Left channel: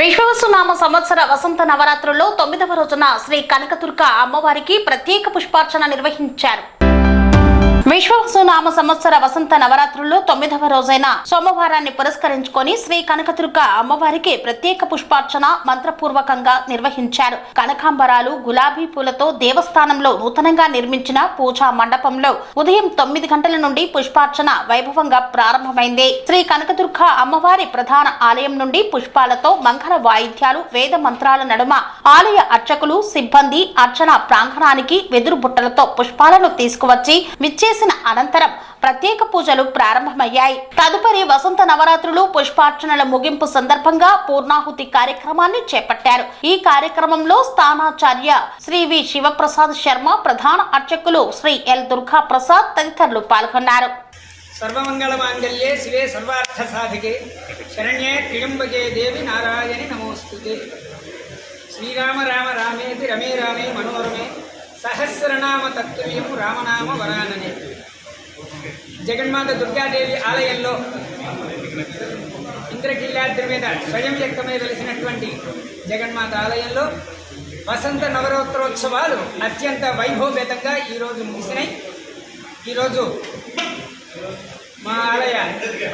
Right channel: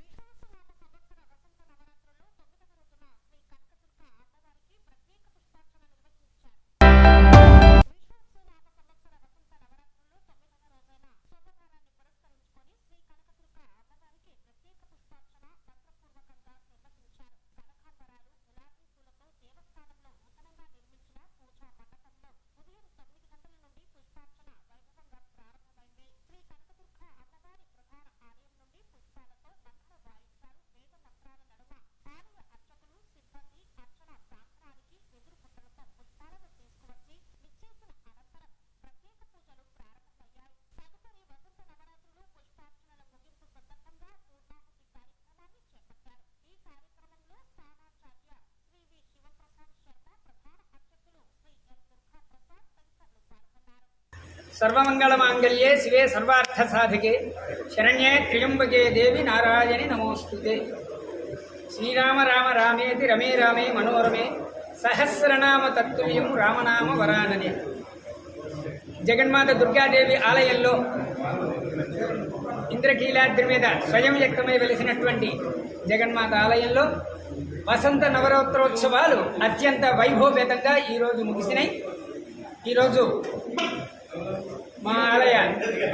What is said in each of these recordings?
విశ్వవసునామ సంవత్సర వసంత నవరాత్రుల్లో 9వ రోజున శ్రీ కనకదుర్గ అమ్మవారికి ప్రత్యేక పుష్పార్చన నిర్వహించారు. విశ్వవసునామ సంవత్సర వసంత నవరాత్రుల్లో 9వ రోజైన సోమవారాన్ని పురస్కరించుకొని శ్రీ కనకదుర్గ అమ్మవారికి ప్రత్యేక పుష్పార్చన మంత్రపూర్వకంగా నిర్వహించారు. కనకాంబరాలు, గులాబీ పూలతో దేవస్థానంలో నూతనంగా నిర్మించిన పూజా మండపంలో ఉదయం 9 గంటల నుండి పుష్పార్చన వైభవంగా ప్రారంభమైంది. శ్రీ కనకదుర్గ అమ్మవారి ప్రధాన ఆలయం నుండి పుష్పాలతో మంగళ వాయిద్యాలు, వేద మంత్రాల నడుమ ఆలయ అర్చకులు, సిబ్బంది అర్చన ప్రాంగణానికి వెదురు బుట్టలతో పుష్పాలను తీసుకువచ్చి విచ్చేసిన అనంతరం ప్రత్యేక పూజలు ప్రారంభమయ్యాయి. తదుపరి వసంత నవరాత్రులు పుష్పార్చనల ముగింపు సందర్భంగా పూర్ణాహుతి కార్యక్రమాన్ని చేపట్టారు. ఈ కార్యక్రమంలో స్థానాచార్య శ్రీ వి శివప్రసాద్ శర్మ, ప్రధాన అర్చకులు శ్రీ ఎల్ దుర్గా ప్రసాద్ తదితరులు పాల్గొన్నారు. సర్వమంగళ మాంగళ్యే శివే సర్వార్థ సాధికే శరణ్యే త్ర్యంబకే దేవి నారాయణి నమోస్తుతే. శ్రీరామ రామ రామేతి రమే రామే మనోరమే సహస్రనామ తత్తుల్యం రామనామ వరాననే. జగన్మాత దుర్గాదేవి ఆలయంలో ఇంద్రకీలాద్రి మీద స్వయం వ్యక్తమై వెలిసినటువంటి జగన్మాత ఆలయంలో వసంత నవరాత్రోత్సవాలు అత్యంత వైభవపేతంగా ఈరోజు ముగిసినాయి. ఈరోజు మా ఆలయ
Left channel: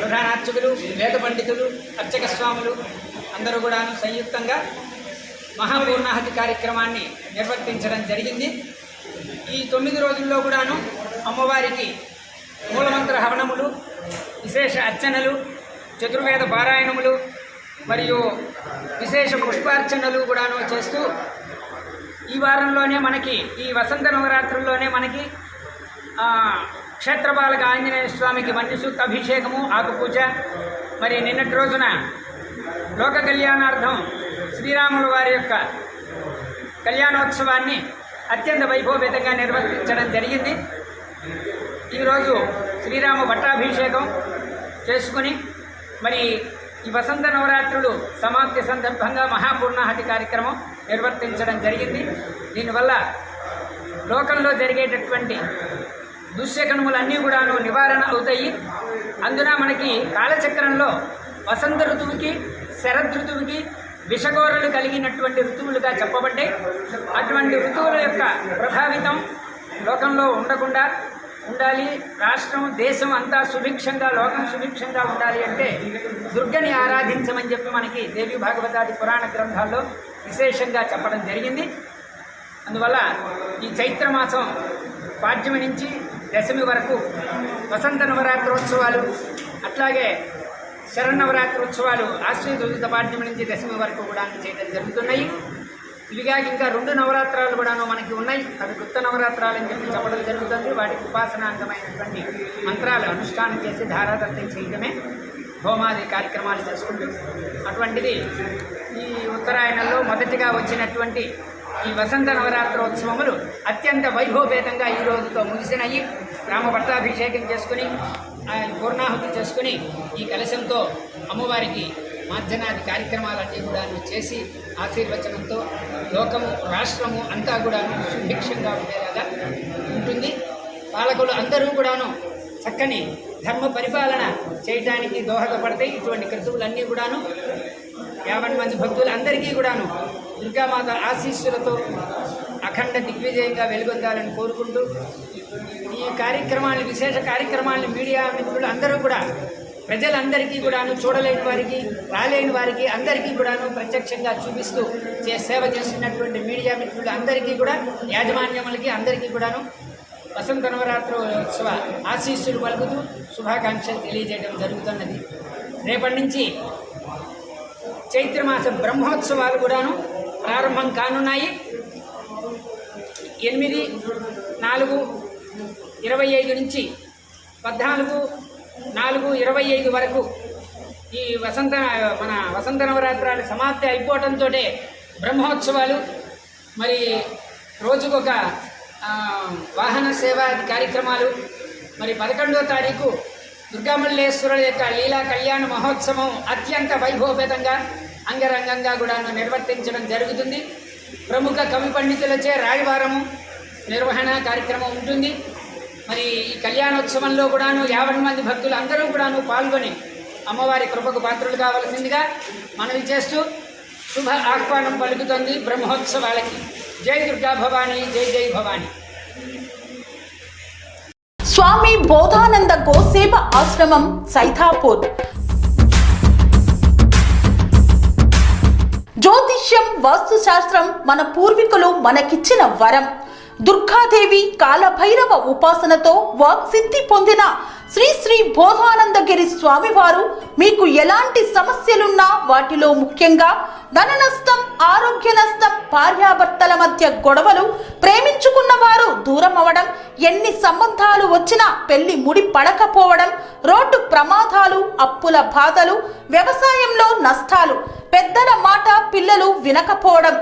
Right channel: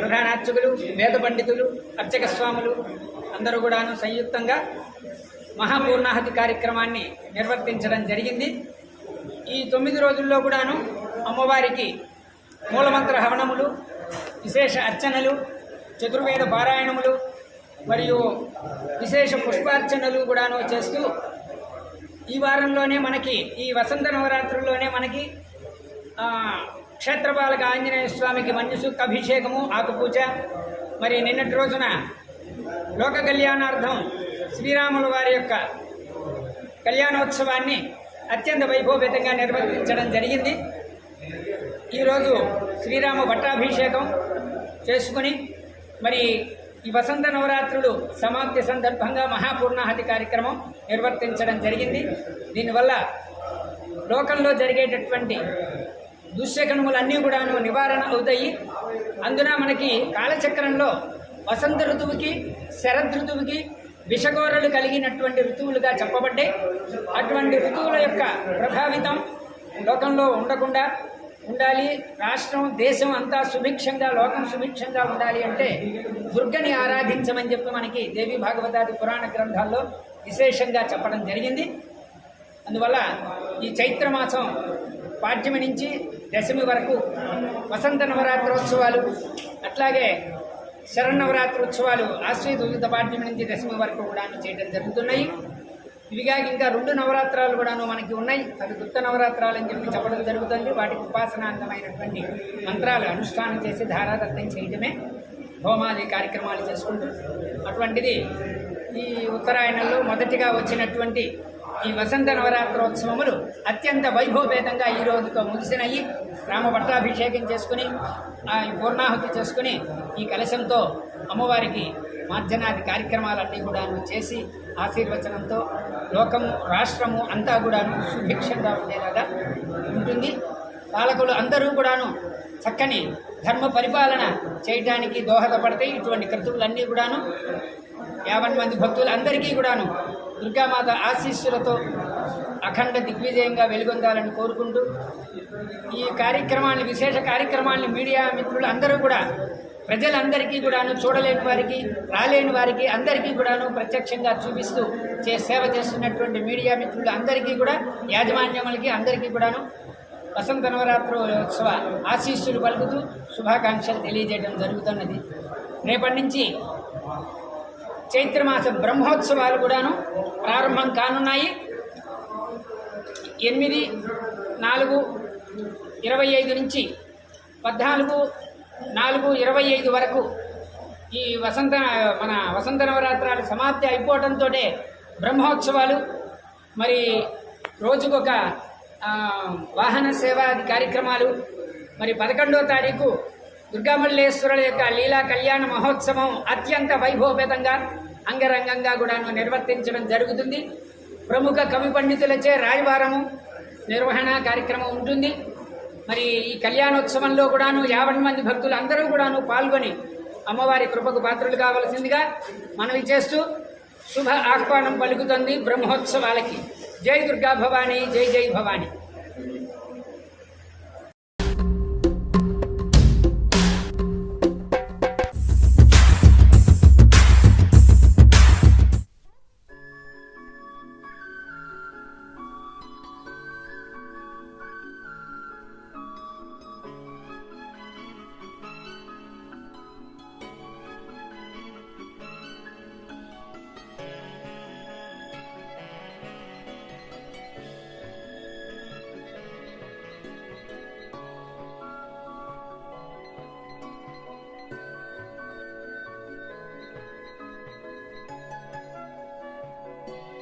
ప్రధాన అర్చకులు, వేద పండితులు, అర్చక స్వాములు అందరూ కూడాను సంయుక్తంగా మహాపూర్ణాహుతి కార్యక్రమాన్ని నిర్వర్తించడం జరిగింది. ఈ 9 రోజుల్లో కూడాను అమ్మవారికి మూలమంత్ర హవనములు, విశేష అర్చనలు, చతుర్వేద పారాయణములు మరియు విశేష పుష్పార్చనలు కూడాను చేస్తూ ఈ వారంలోనే మనకి ఈ వసంత నవరాత్రుల్లోనే మనకి క్షేత్రపాలక ఆంజనేయ స్వామికి మన్యుసూక్త అభిషేకము, ఆకుపూజ, మరి నిన్నటి రోజున లోక కళ్యాణార్థం శ్రీరాముల వారి యొక్క కళ్యాణోత్సవాన్ని అత్యంత వైభవపేతంగా నిర్వర్తించడం జరిగింది. ఈరోజు శ్రీరామ పట్టాభిషేకం చేసుకుని మరి ఈ వసంత నవరాత్రులు సమాప్తి సందర్భంగా మహాపూర్ణాహుతి కార్యక్రమం నిర్వర్తించడం జరిగింది. దీనివల్ల లోకంలో జరిగేటటువంటి దుశ్శకనములన్నీ కూడాను నివారణ అవుతాయి. అందున మనకి కాలచక్రంలో వసంత ఋతువుకి, శరద్ ఋతువుకి విషగోరలు కలిగినటువంటి ఋతువులుగా చెప్పబడ్డాయి. అటువంటి ఋతువుల యొక్క ప్రభావితం లోకంలో ఉండకుండా ఉండాలి, రాష్ట్రం దేశం అంతా సుభిక్షంగా, లోకం సుభిక్షంగా ఉండాలి అంటే దుర్గని ఆరాధించమని చెప్పి మనకి దేవి భాగవతాది పురాణ గ్రంథాల్లో విశేషంగా చెప్పడం జరిగింది. అందువల్ల ఈ చైత్రమాసం పాడ్యమి నుంచి దశమి వరకు వసంత నవరాత్రోత్సవాలు, అట్లాగే శరన్నవరాత్రోత్సవాలు ఆశ్వయుజ పాడ్యమి నుంచి దశమి వరకు కూడా చేయడం జరుగుతున్నాయి. ఇవిగా ఇంకా 2 నవరాత్రాలు కూడాను మనకి ఉన్నాయి. అవి గుప్త నవరాత్రాలు అని చెప్పి చెప్పడం జరుగుతుంది. వాటికి ఉపాసనాంగమైనటువంటి మంత్రాలు అనుష్ఠానం చేసి ధారాదత్తం చేయడమే, హోమాది కార్యక్రమాలు చేసుకుంటూ అటువంటిది ఈ ఉత్తరాయణంలో మొదటిగా వచ్చినటువంటి ఈ వసంత నవరాత్రోత్సవములు అత్యంత వైభవపేతంగా ఈ రోజుతో ముగిసినాయి. రామ పట్టాభిషేకం చేసుకుని పూర్ణాహుతి చేసుకుని ఈ కలశంతో అమ్మవారికి మార్జనాది కార్యక్రమాలన్నీ కూడాను చేసి ఆశీర్వచనంతో లోకము, రాష్ట్రము అంతా కూడాను సుభిక్షంగా ఉండేలాగా ఉంటుంది. పాలకులు అందరూ కూడాను చక్కని ధర్మ పరిపాలన చేయడానికి దోహదపడతాయి. ఇటువంటి క్రతువులన్నీ కూడాను 50 మంది భక్తులందరికీ కూడాను దుర్గామాత ఆశీస్సులతో అఖండ దిగ్విజయంగా వెలుగొందాలని కోరుకుంటూ ఈ కార్యక్రమాన్ని, విశేష కార్యక్రమాన్ని మీడియా మిత్రులు అందరూ కూడా ప్రజలందరికీ కూడాను, చూడలేని వారికి, రాలేని వారికి అందరికీ కూడాను ప్రత్యక్షంగా చూపిస్తూ సేవ చేస్తున్నటువంటి మీడియా మిత్రులు అందరికీ కూడా, యాజమాన్యములకి అందరికీ కూడాను వసంత నవరాత్రోత్సవ ఆశీస్సులు పలుకుతూ శుభాకాంక్షలు తెలియజేయడం జరుగుతున్నది. రేపటి నుంచి చైత్రమాస బ్రహ్మోత్సవాలు కూడాను ప్రారంభం కానున్నాయి. 8/4/25 నుంచి 14/4/25 వరకు ఈ వసంత నవరాత్రాలు సమాప్తి అయిపోవడంతో బ్రహ్మోత్సవాలు, మరి రోజుకొక వాహన సేవాది కార్యక్రమాలు, మరి 11వ తారీఖు దుర్గామల్లేశ్వరుల యొక్క లీలా కళ్యాణ మహోత్సవం అత్యంత వైభవపేతంగా అంగరంగంగా కూడాను నిర్వర్తించడం జరుగుతుంది. ప్రముఖ కవి పండితులచే రాయవారము నిర్వహణ కార్యక్రమం ఉంటుంది. మరి ఈ కళ్యాణోత్సవంలో కూడాను 50 మంది భక్తులు అందరూ కూడాను పాల్గొని అమ్మవారి కృపకు పాత్రులు కావలసిందిగా మనవి చేస్తూ శుభ ఆహ్వానం పలుకుతుంది బ్రహ్మోత్సవాలకి. జై దుర్గా భవానీ, జై జై భవానీ. స్వామి బోధానంద గోసేవ ఆశ్రమం సైథాపూర్. జ్యోతిష్యం, వాస్తుశాస్త్రం మన పూర్వీకులు మనకిచ్చిన వరం. దుర్గాదేవి, కాలభైరవ ఉపాసనతో వాక్సిద్ధి పొందిన శ్రీ శ్రీ బోధానందగిరి స్వామివారు మీకు ఎలాంటి సమస్యలున్నా, వాటిలో ముఖ్యంగా ధన నష్టం, ఆరోగ్య నష్టం, భార్యాభర్తల మధ్య గొడవలు, ప్రేమించుకున్న వారు దూరం అవడం, ఎన్ని సంబంధాలు వచ్చినా పెళ్లి ముడి పడకపోవడం, రోడ్డు ప్రమాదాలు, అప్పుల బాధలు, వ్యవసాయంలో నష్టాలు, పెద్దల మాట పిల్లలు వినకపోవడం,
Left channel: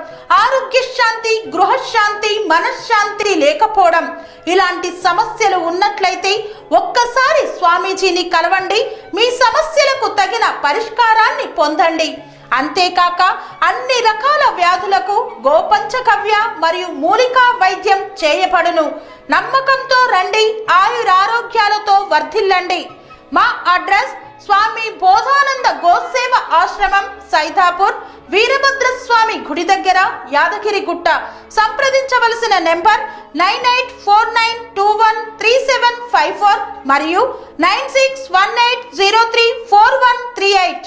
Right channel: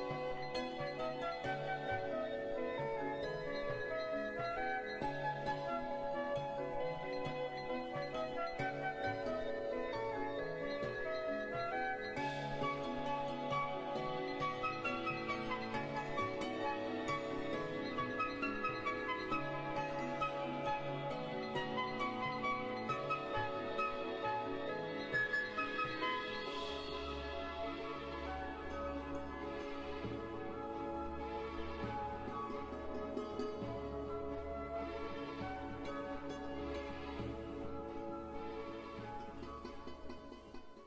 ఆరోగ్య శాంతి, గృహశాంతి, మనశ్శాంతి లేకపోవడం, ఇలాంటి సమస్యలు ఉన్నట్లయితే ఒక్కసారి స్వామీజీని కలవండి. మీ సమస్యలకు తగిన పరిష్కారాన్ని పొందండి. అంతేకాక అన్ని రకాల వ్యాధులకు గోపంచగవ్య మరియు మూలికా వైద్యం చేయబడును. నమ్మకంతో రండి, ఆయురారోగ్యాలతో వర్ధిల్లండి. మా అడ్రస్ స్వామి బోధానంద గోసేవ ఆశ్రమం సైథాపూర్, వీరభద్రస్వామి గుడి దగ్గర, యాదగిరిగుట్ట. సంప్రదించవలసిన నెంబర్ 9849213754 మరియు 9618034138.